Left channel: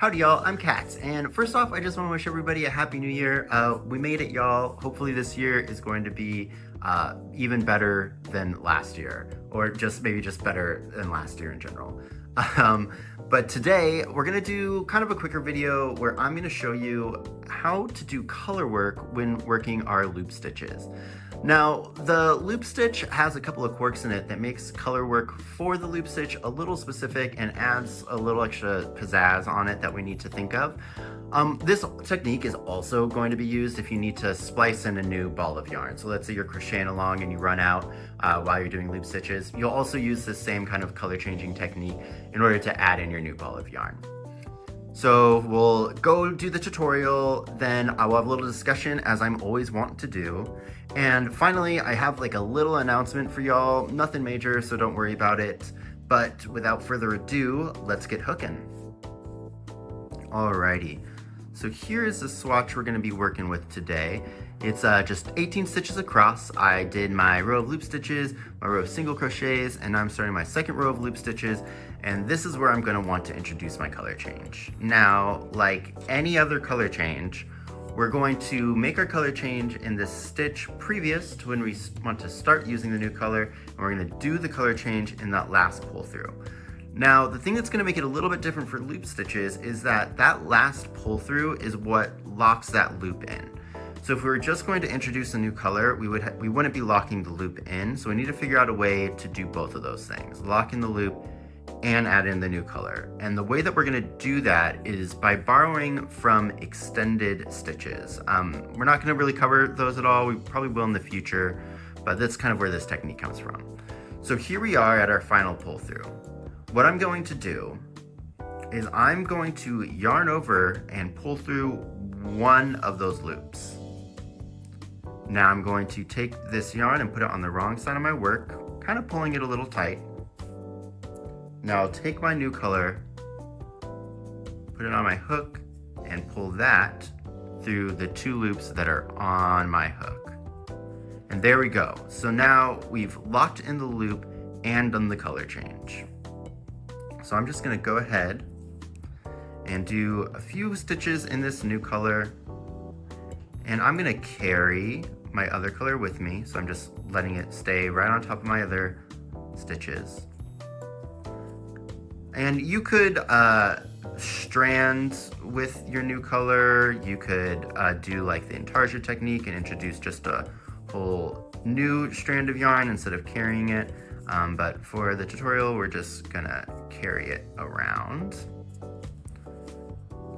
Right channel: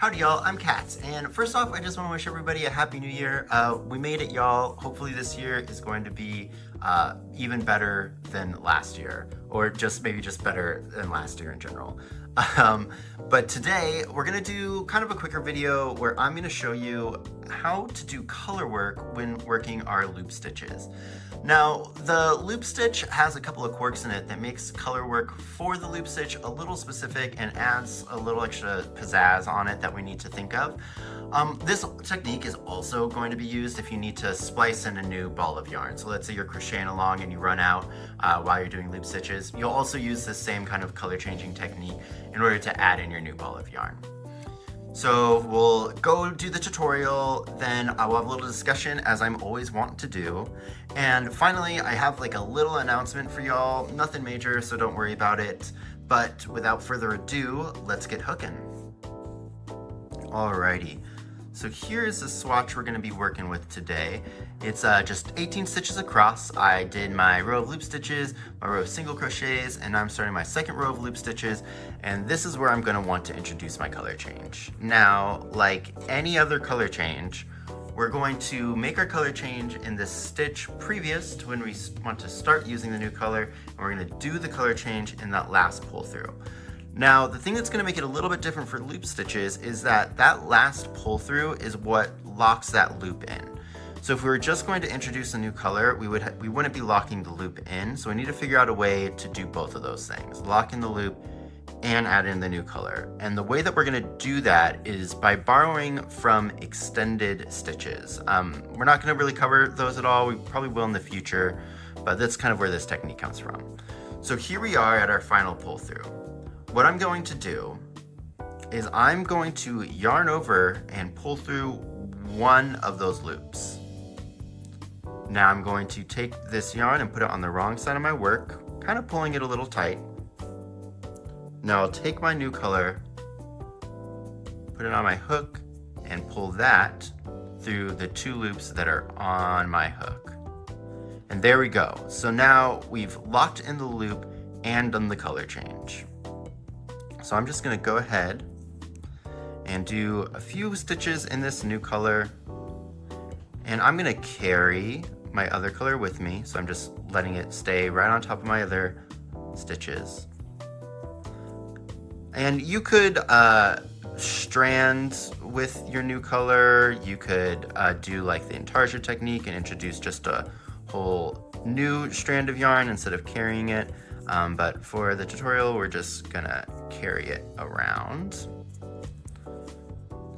Howdy y'all, I'm Katz, and first off I just want to wish everybody a happy new year. We made it y'all. Hopefully this year is going to be even better than last year, or just maybe just better than last year in general. But today we're going to do kind of a quicker video where I'm going to show you how to do color work when working our loop stitches. Now, the loop stitch has a couple of quirks in it that makes color work for the loop stitch a little specific and adds a little extra pizzazz on it that we need to think of. This technique is also going to be used if you need to splice in a new ball of yarn. So let's say you're crocheting along and you run out while you're doing loop stitches. You'll also use the same kind of color changing technique in order to add in your new ball of yarn. So we'll go do the tutorial, then I will have a little discussion as I'm always wanting to do. And finally, I have like a little announcement for y'all, nothing major, so don't worry about it. But without further ado, let's get hooking. Alrighty, so here's the swatch we're gonna be working with today. It's just 18 stitches across. I did my row of loop stitches, my row of single crochets, and I'm starting my second row of loop stitches, and this is where I'm gonna want to introduce my color change. Now, like any other color change, we're going to make our color change in this stitch previous to when we want to start using the new color, and we're gonna do the color change in that last pull through. Now, the thing that's gonna make it a little bit different for loop stitches is that that last pull through is what locks that loop in. So if we were just going to introduce a new color, we wouldn't be locking the loop in, so we need to figure out a way to do both of those things, lock in the loop and add in the new color. And the way that we're gonna do that is by borrowing from extended stitches. We're not gonna really cover those at all, we probably will in the future, but that's kind of where this technique comes from. So here we are at our final pull through. What I'm going to do is I'm going to yarn over and pull through one of those loops. Now I'm going to take this yarn and put it on the wrong side of my work, kind of pulling it a little tight. Now I'll take my new color, put it on my hook, and pull that through the two loops that are on my hook. And there we go. So now we've locked in the loop and done the color change. So I'm just gonna go ahead and do a few stitches in this new color, and I'm gonna carry my other color with me, so I'm just letting it stay right on top of my other stitches. And you could strand with your new color. You could do like the intarsia technique and introduce just a whole new strand of yarn instead of carrying it. But for the tutorial, we're just gonna carry it around.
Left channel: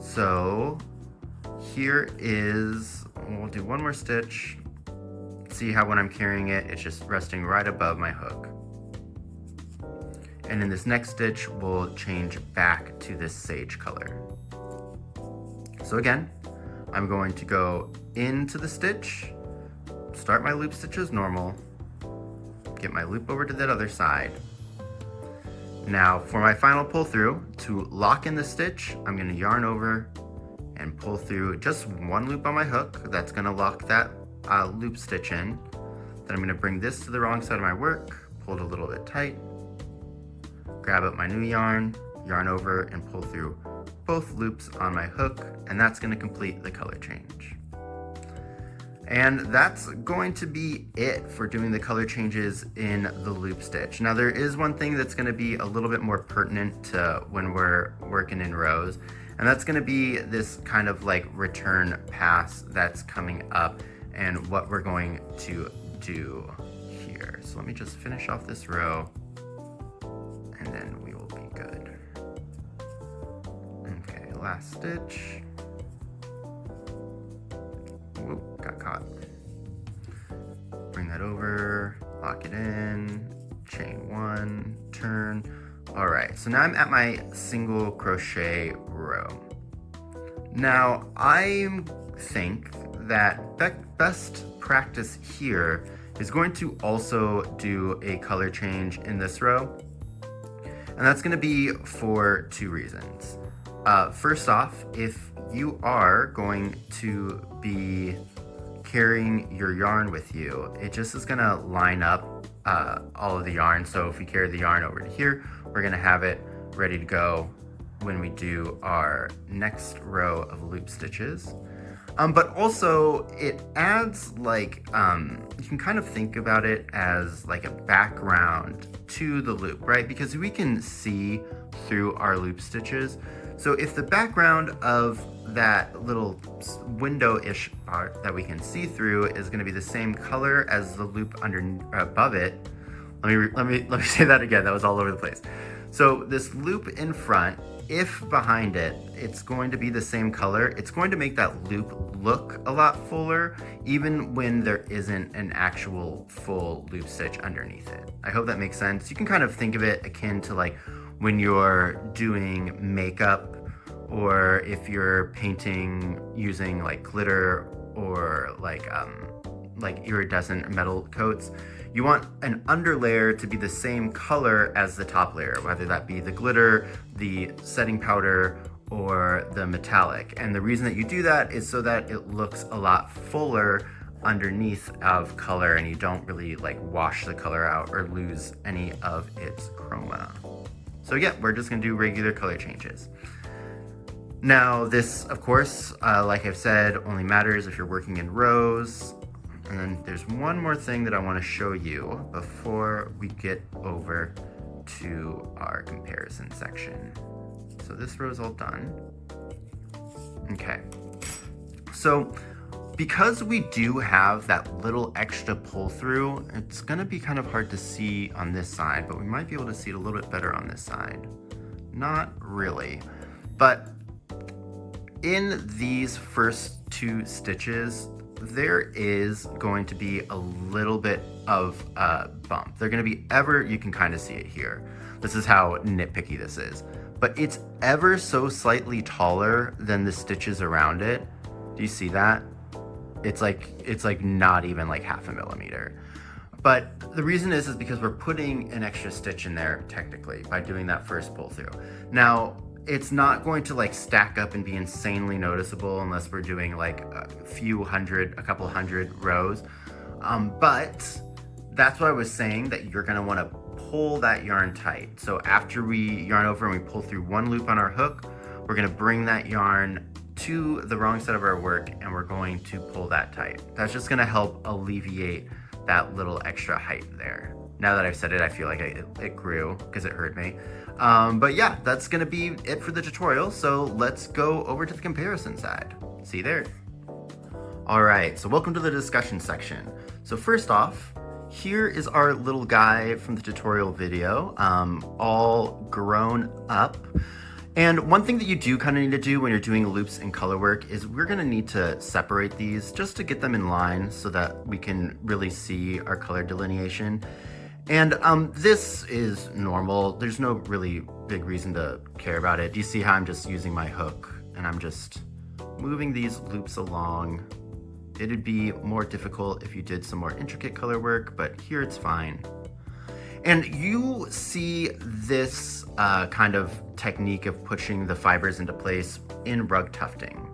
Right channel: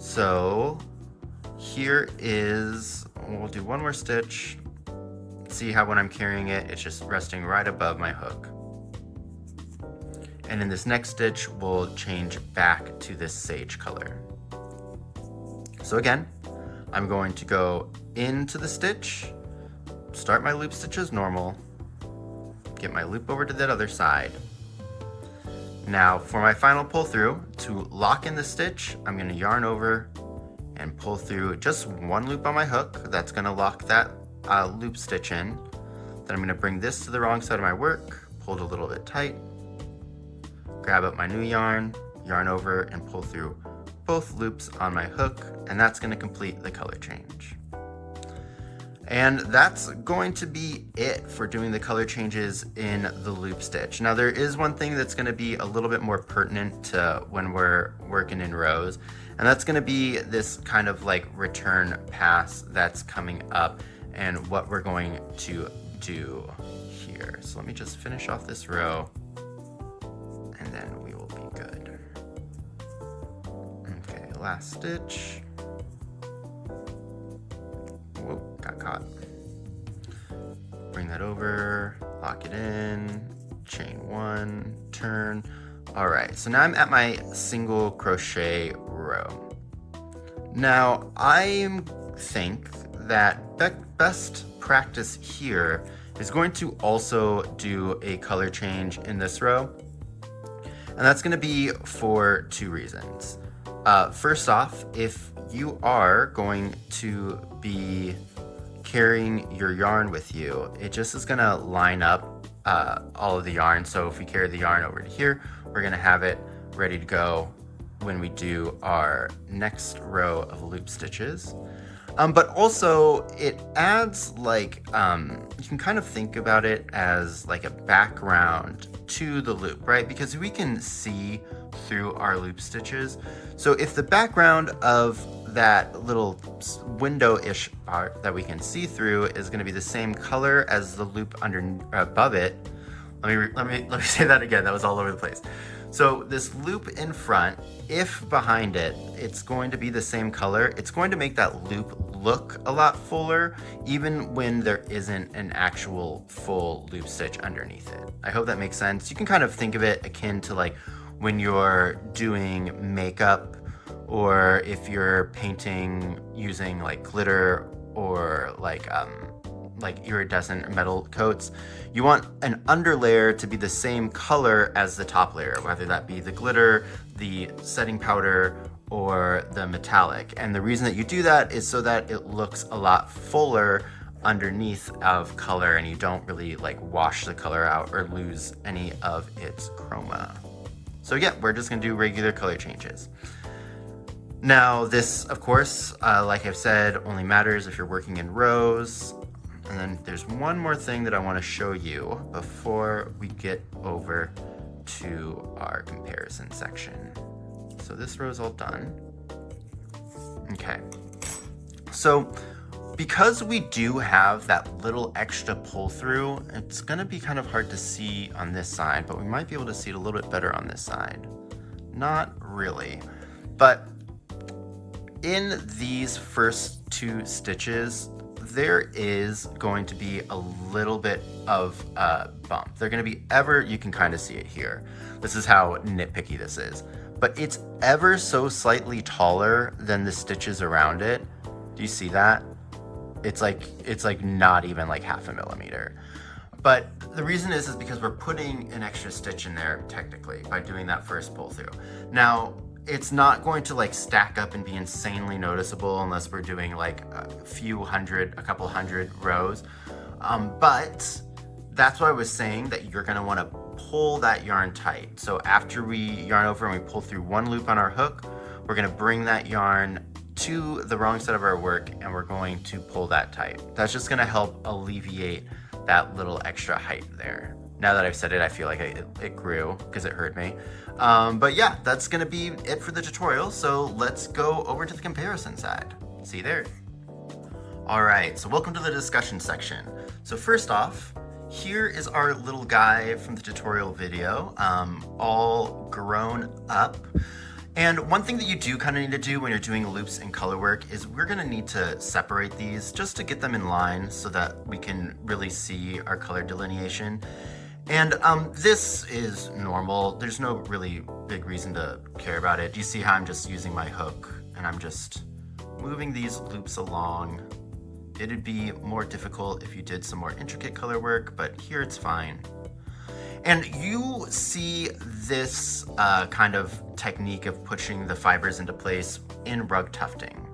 So here is, we'll do one more stitch. See how when I'm carrying it, it's just resting right above my hook. And in this next stitch, we'll change back to this sage color. So again, I'm going to go into the stitch, start my loop stitch as normal, get my loop over to that other side. Now for my final pull through, to lock in the stitch, I'm gonna yarn over and pull through just one loop on my hook. That's gonna lock that loop stitch in. Then I'm gonna bring this to the wrong side of my work, pull it a little bit tight, grab up my new yarn, yarn over, and pull through both loops on my hook, and that's gonna complete the color change. And that's going to be it for doing the color changes in the loop stitch. Now there is one thing that's gonna be a little bit more pertinent to when we're working in rows, and that's gonna be this kind of like return pass that's coming up and what we're going to do here. So let me just finish off this row and then we will be good. Okay, last stitch. Whoop, got caught. Bring that over, lock it in, chain one, turn. All right, so now I'm at my single crochet row. Now, I think that best practice here is going to also do a color change in this row. And that's gonna be for two reasons. First off, if you are going to be carrying your yarn with you, it just is gonna line up all of the yarn. So if we carry the yarn over to here, we're gonna have it ready to go when we do our next row of loop stitches. But also it adds like, you can kind of think about it as like a background to the loop, right? Because we can see through our loop stitches. So if the background of that little window-ish part that we can see through is going to be the same color as the loop above it. Let me say that again. That was all over the place. So this loop in front, if behind it, it's going to be the same color, it's going to make that loop look a lot fuller, even when there isn't an actual full loop stitch underneath it. I hope that makes sense. You can kind of think of it akin to like when you're doing makeup, or if you're painting using like glitter or like iridescent metal coats. You want an underlayer to be the same color as the top layer, whether that be the glitter, the setting powder, or the metallic. And the reason that you do that is so that it looks a lot fuller underneath of color, and you don't really like wash the color out or lose any of its chroma. So yeah, we're just gonna do regular color changes. Now this, of course, like I've said, only matters if you're working in rows. And then there's one more thing that I want to show you before we get over to our comparison section. So this row is all done. Okay. So because we do have that little extra pull through, it's going to be kind of hard to see on this side, but we might be able to see it a little bit better on this side. Not really, but in these first two stitches, there is going to be a little bit of a bump. They're going to be you can kind of see it here. This is how nitpicky this is, but it's ever so slightly taller than the stitches around it. Do you see that? It's like not even like 0.5 millimeter. But the reason is because we're putting an extra stitch in there technically by doing that first pull through. Now, it's not going to like stack up and be insanely noticeable unless we're doing like a couple hundred rows. But that's what I was saying, that you're gonna wanna pull that yarn tight. So after we yarn over and we pull through one loop on our hook, we're gonna bring that yarn to the wrong side of our work and we're going to pull that tight. That's just gonna help alleviate that little extra height there. Now that I've said it, I feel like it grew because it hurt me. But yeah, that's gonna be it for the tutorial. So let's go over to the comparison side. See you there. All right, so welcome to the discussion section. So first off, here is our little guy from the tutorial video, all grown up. And one thing that you do kind of need to do when you're doing loops and color work is we're gonna need to separate these just to get them in line so that we can really see our color delineation. And this is normal. There's no really big reason to care about it. Do you see how I'm just using my hook and I'm just moving these loops along? It'd be more difficult if you did some more intricate color work, but here it's fine. And you see this kind of technique of pushing the fibers into place in rug tufting.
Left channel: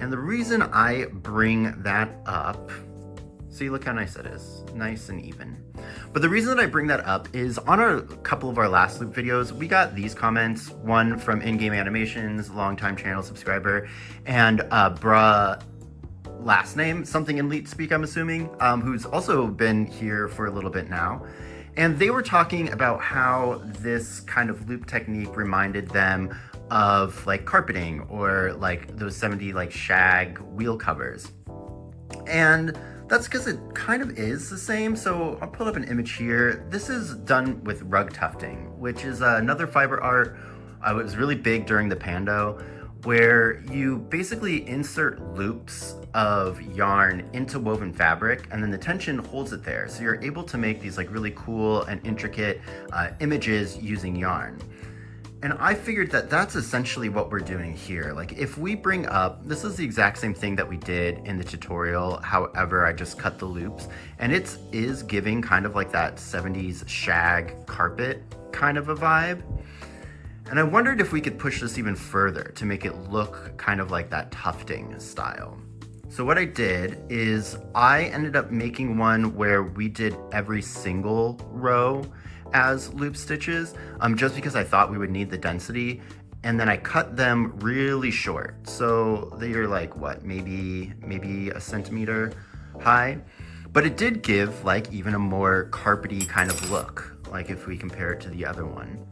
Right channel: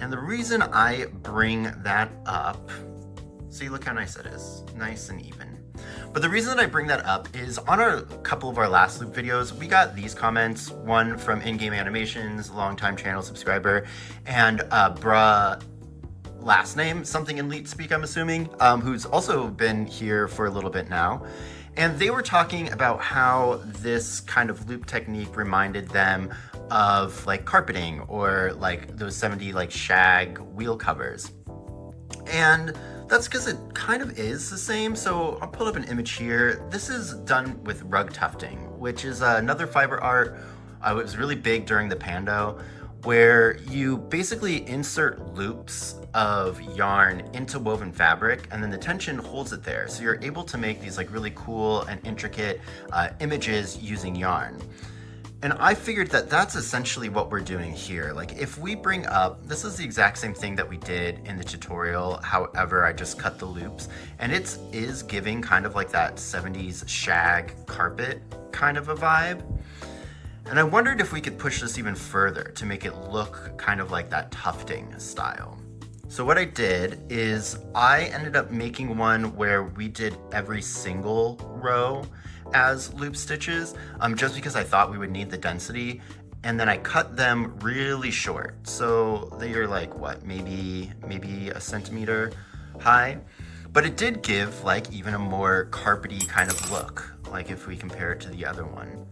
And the reason I bring that up, see, look how nice that is, nice and even. But the reason that I bring that up is on a couple of our last loop videos, we got these comments, one from In-Game Animations, longtime channel subscriber, and bruh, last name, something in Leet speak, I'm assuming, who's also been here for a little bit now. And they were talking about how this kind of loop technique reminded them of like carpeting or like those 70s like shag wheel covers. And that's because it kind of is the same. So I'll pull up an image here. This is done with rug tufting, which is another fiber art. It was really big during the Pando, where you basically insert loops of yarn into woven fabric and then the tension holds it there. So you're able to make these like really cool and intricate images using yarn. And I figured that that's essentially what we're doing here. Like if we bring up, this is the exact same thing that we did in the tutorial. However, I just cut the loops and it is giving kind of like that 70s shag carpet kind of a vibe. And I wondered if we could push this even further to make it look kind of like that tufting style. So what I did is I ended up making one where we did every single row as loop stitches, just because I thought we would need the density. and then I cut them really short. So they are like, what, maybe a centimeter high. But it did give like even a more carpety kind of look, like if we compare it to the other one.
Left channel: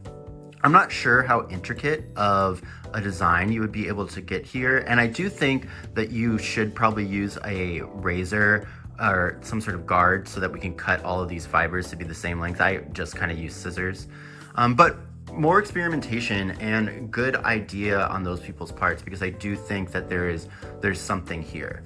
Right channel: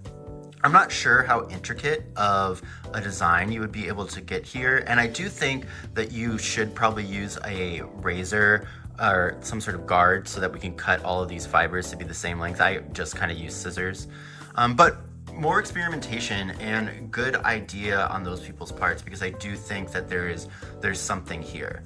I'm not sure how intricate of a design you would be able to get here, and I do think that you should probably use a razor or some sort of guard so that we can cut all of these fibers to be the same length. I just kind of use scissors. But more experimentation and good idea on those people's parts, because I do think that there's something here.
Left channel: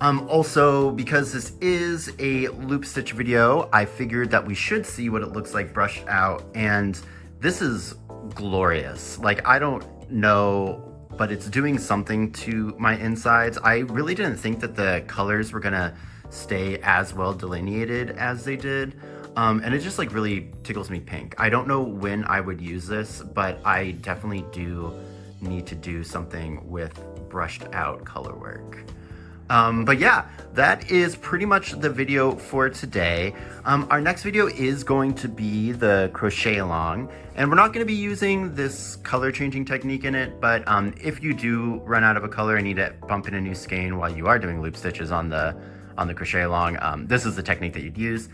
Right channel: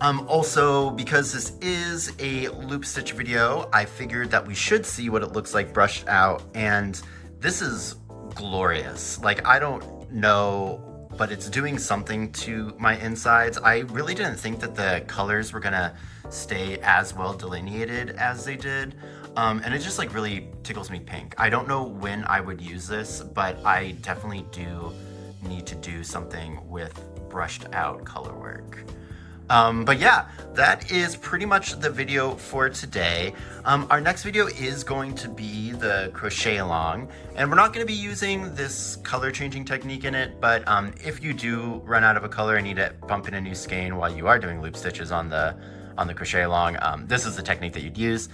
Also, because this is a loop stitch video, I figured that we should see what it looks like brushed out, and this is glorious. Like, I don't know, but it's doing something to my insides. I really didn't think that the colors were gonna stay as well delineated as they did. And it just like really tickles me pink. I don't know when I would use this, but I definitely do need to do something with brushed out color work. But yeah, that is pretty much the video for today. Our next video is going to be the crochet along, and we're not going to be using this color changing technique in it, but if you do run out of a color and need to bump in a new skein while you are doing loop stitches on the crochet along, this is the technique that you'd use.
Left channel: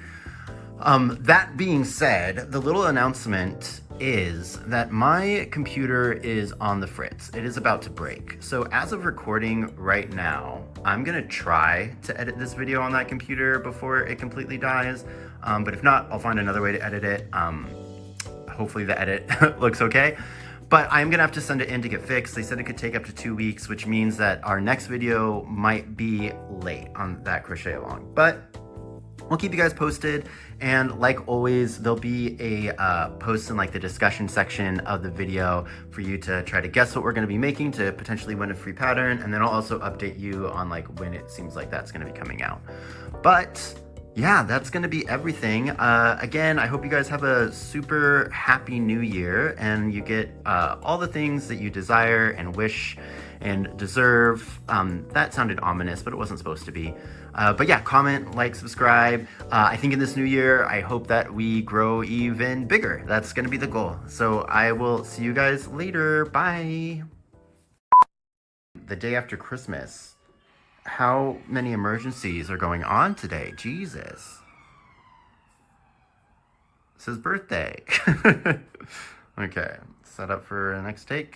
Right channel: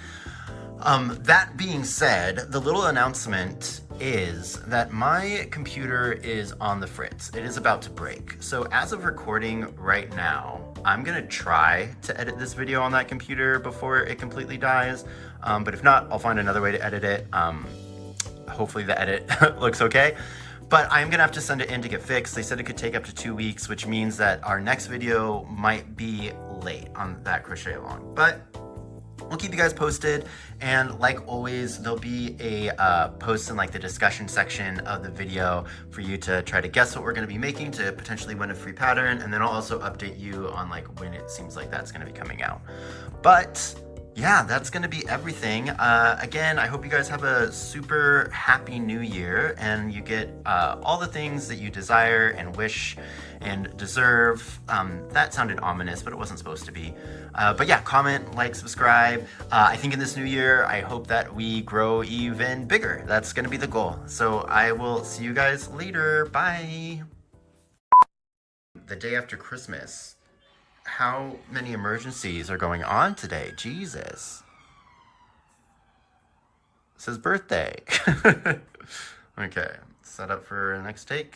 That being said, the little announcement is that my computer is on the fritz. It is about to break. So as of recording right now, I'm gonna try to edit this video on that computer before it completely dies. But if not, I'll find another way to edit it. Hopefully the edit looks okay. But I'm gonna have to send it in to get fixed. They said it could take up to 2 weeks, which means that our next video might be late on that crochet along. But we'll keep you guys posted. And like always, there'll be a post in like the discussion section of the video for you to try to guess what we're gonna be making to potentially win a free pattern. And then I'll also update you on like when it seems like that's gonna be coming out. But yeah, that's gonna be everything. Again, I hope you guys have a super happy new year and you get all the things that you desire and wish and deserve. That sounded ominous, but it wasn't supposed to be. But yeah, comment, like, subscribe. I think in this new year, I hope that we grow even bigger. That's gonna be the goal. So I will see you guys later. Bye. The day after Christmas. How many emergencies are going on today? Jesus. It says birthday. Okay, set up for the next take.